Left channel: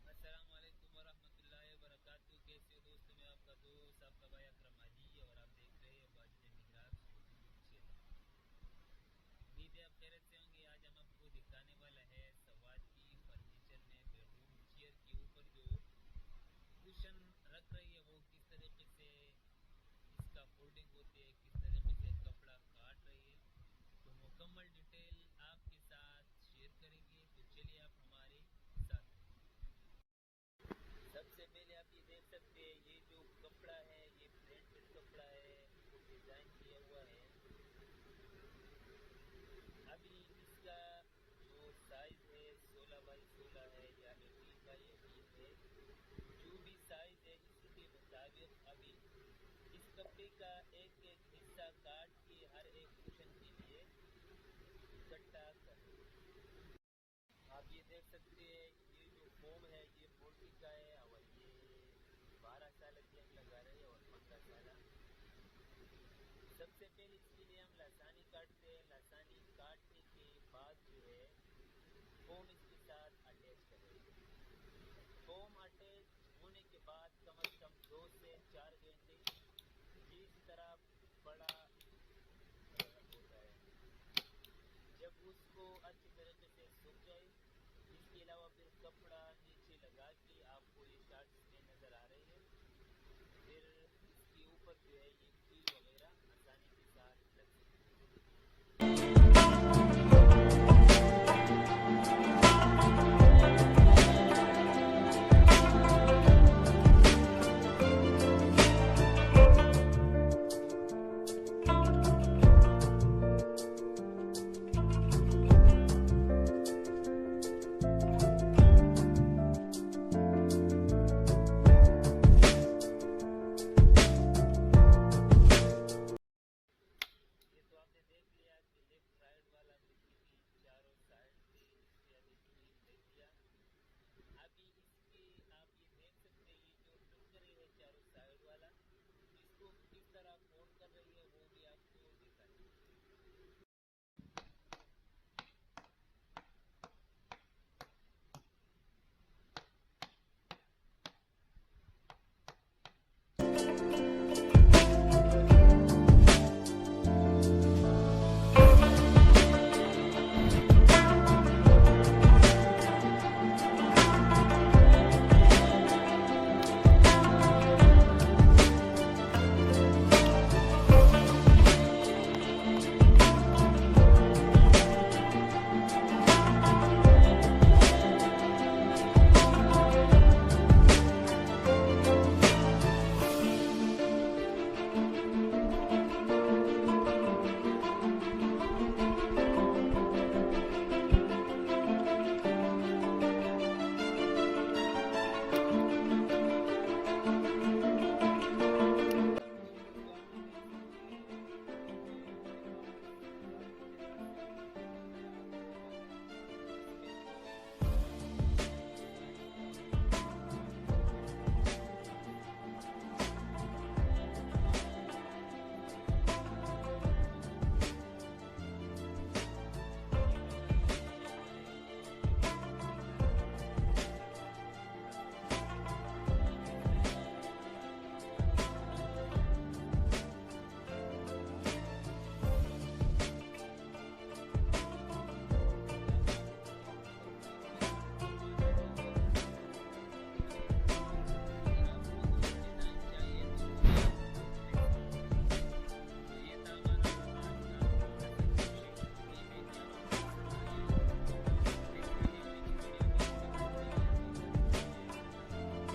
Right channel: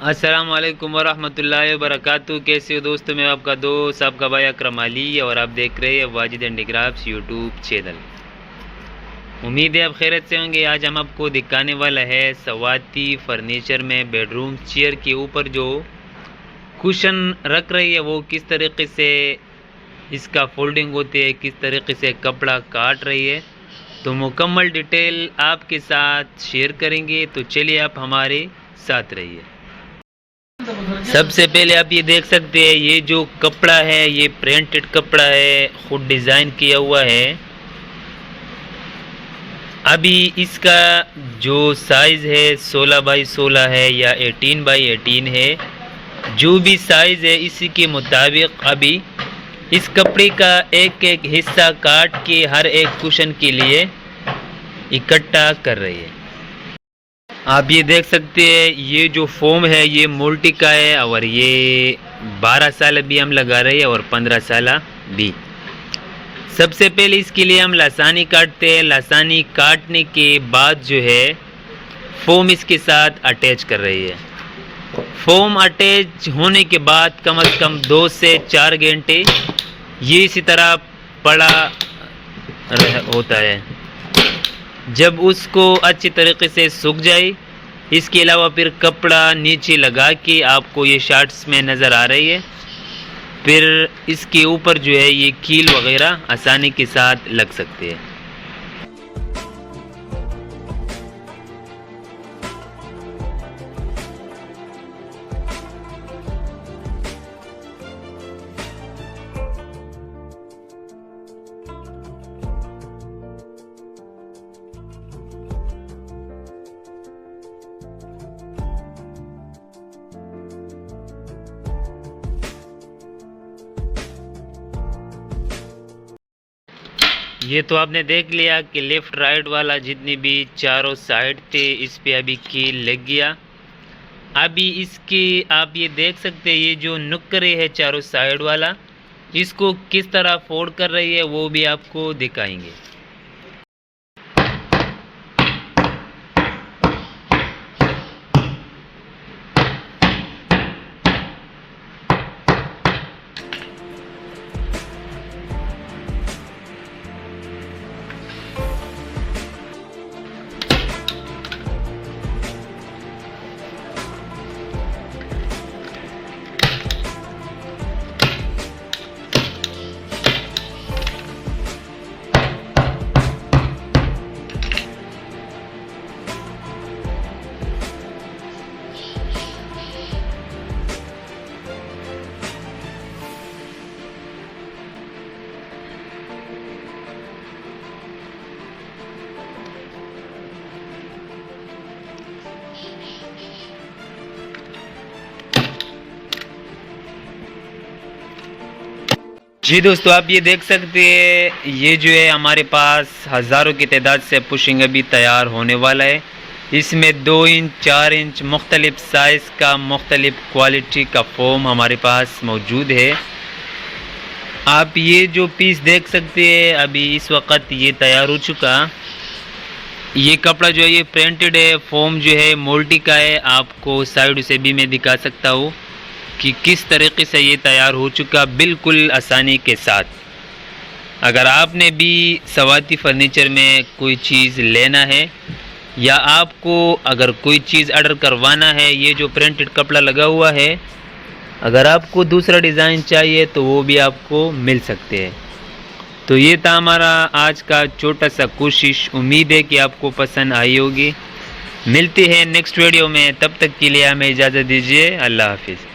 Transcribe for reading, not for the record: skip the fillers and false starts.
अस्सलाम वालेकुम वरहमतुल्लाहि वबरकातुहू। कैसे हो दोस्तों? मैं आपका दोस्त आपका भाई अकरम अली और आप देख रहे हैं वाजिद हैंडीक्राफ्ट्स यूट्यूब चैनल। उम्मीद है आप खैरियत से होंगे। आज हम आपको दिखाने वाला है सवाती फर्नीचर में बेडरूम चेयर के ऊपर जो कुशन रख रही है वो किस तरीके से इसका फोल्डिंग होती है, किस तरीके से कपड़ा काट रही है, तो मुकम्मल डिटेल आपके साथ शेयर करेंगे। तो चलिए आप हमारे साथ रहिए। सबसे पहले आप ये देख सकते हैं, ये जो कपड़ा है ये प्रिंटेड कपड़ा है, खुद डिज़ाइन किया हुआ है। अभी इसका जो साइज़ है 16 बाई 16 है या 18 बाई 18 है, जो भी साइज़ है इसी के मुताबिक अभी इस कपड़े का एक एक हिस्सा काट के हर एक कुशन के लिए इकट्ठा कर रही है। आप ये देख सकते हैं, ये जो फोम है ये मोल्टी का है और ये 12 साल भी हम लगा रहे हैं और 15 साल भी। सबसे पहले इसके लिए हम लासानी काटते हैं। लासानी काटने के बाद जो है फोम इसके साथ अटैच कर रही है। फोम अटैच होने के बाद कम से कम 2 से 4 घंटे ये इसी तरह पड़ा होता है। जब उसको अच्छी तरीके से सूख जाए, इसके अलावा फिर कपड़ा नीचे लगा के आपको ये शर्ट्स में नज़र आ रही है, फिर इसके ऊपर जो है ये कील वगैरह आसानी के साथ लग सकते हैं। ये तो आपने देख लिया कि लेफ़्ट राइट वाला जितनी भी चारों साइड थे इस पे अभी कील लग गया। अभी इसकी आप ये देख सकते हैं, ये जो नुक्करे है चारों साइड वाला, इसको किस तरह फोल्ड कर रही है वो भी आपको दिखाएंगे। जी दोस्तों, आप ये देख सकते हैं, ये जो है हमारे पास हज़ारों की तादाद से पुशिंग अभी तैयार होने वाला है। इसमें 2 इंच 4 इंच मुख्तलिफ साइज़ का मुख्तलिफ क्वालिटी का फोम हमारे पास मौजूद है। आप ये जो पीस देख सकते हैं, अभी इस वक्त ये तैयार हो चुका। ये कपड़ा जो है ये प्रिंटेड है, फोम जो है मोल्टी का है। आपको साइड से भी मैं दिखा सकता हूँ कि किस तरीके से ये तैयार हो चुका, बिल्कुल आसानी के साथ। अगर आपने भी सवाती फर्नीचर में कोई चीज़ लेना है या आपको अगर कोई चीज़ ऑर्डर करवाना है, ये जो प्रिंटेड कपड़ा लगा हुआ है, अगर आपको दूसरा डिज़ाइन चाहिए तो वो भी आपको मिल सकते हैं। तो ये था हमारा आज का छोटा सा कोशिश। उम्मीद है कि आपको पसंद आई होगी। मिलते हैं नेक्स्ट वीडियो में, तब तक के लिए हमें इजाज़त दीजिए। अल्लाह हाफिज़।